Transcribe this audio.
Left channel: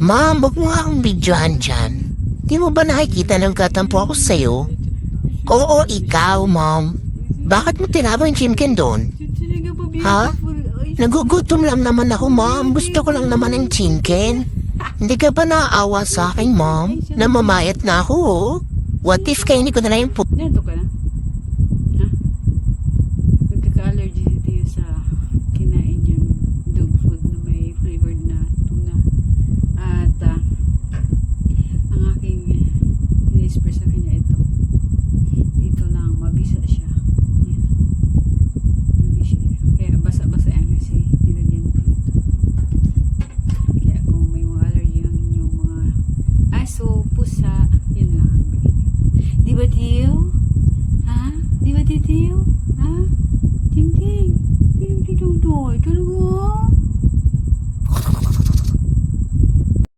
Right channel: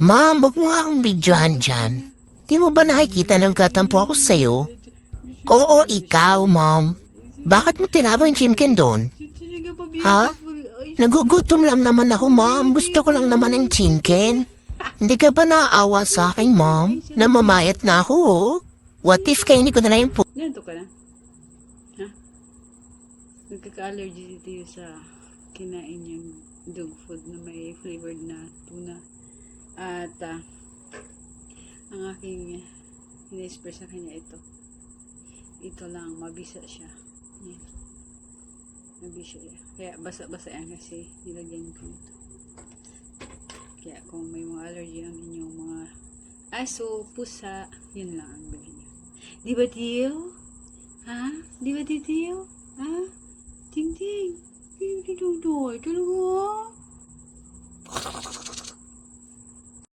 Ma'am, huwag mo nga akong videohan dyan. Di mo ba nakikita ng katampo ako sa'yo? Oo, ikaw, ma'am. Bakit mo tinaba yung chimkin doon? Ha? Nagugutom lang naman ako, ma'am. Gusto ko lang naman ng chimkin. Hindi ka ba naaawa sa akin, ma'am? Namamayat na ako, oh. What if kainin ko na lang yung po... Nanto ka na? Ha? Nagkaka-allergy dito sa kinain yung dog food na may flavored na tuna. At ang aking in-express sa kanya ito. Ito lang, mabisa siya. Yan. Mabisa siya. Kaya basa-basa yan kasi nilagyan ko ito. Kaya kung may mga allergy ang inyong mga aso, pusa, yun lang ang bigyan. Di ba, Tiyo? Ha? Di ba, Tiyo? Ha? Ting-ting. Ting-ting-ting. Talaga?